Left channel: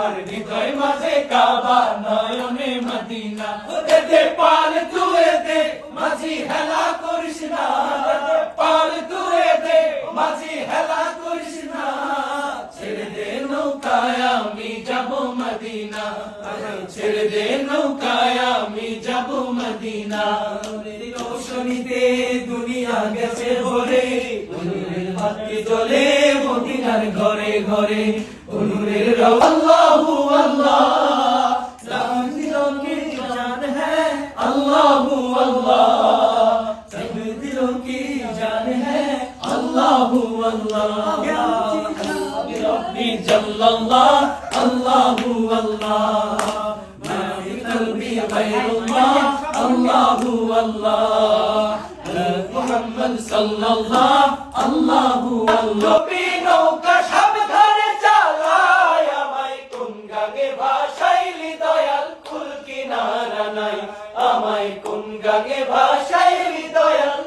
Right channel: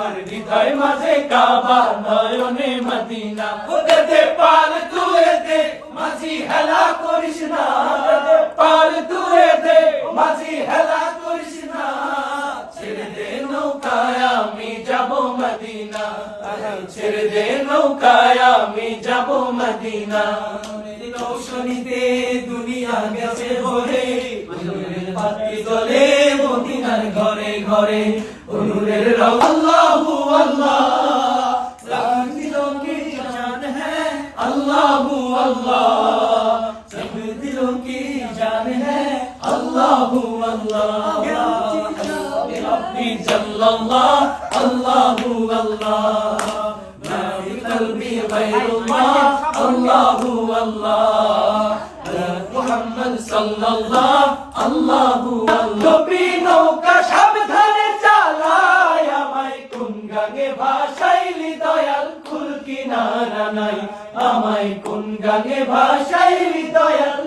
আমার হৃদয় মাঝে কাবা নয়নে মদিনা দে দে পাল তুই দে মাঝি হেলা করিস না পাল তুই দে মাঝি হেলা করিস না ছেড়ে দে নৌকায় আমি যাব মদিনা ছেড়ে দে নৌকায় আমি যাব মদিনা রোশনীতে দুনিয়া গেছে ভরে নূরের বাতি জ্বলে মদিনার ঘরে ঘরে নূরের আল্লাহু আল্লাহ सब दिलों की जान है अल्लाहू अल्लाह सब दिलों की जान है अल्लाहू अल्लाह रब्बी जल्लल्लाह अल्लाहू अल्लाह मा फी क़ल्बी गैरुल्लाह अल्लाहू अल्लाह मुहम्मद सल्लल्लाह अल्लाहू अल्लाह नौका साबधाने चालाय আমায় কোন গানে ভাসাইলি দয়াল কুল কিনারা নাই আমায় কোন গানে ভাসাইলি দয়াল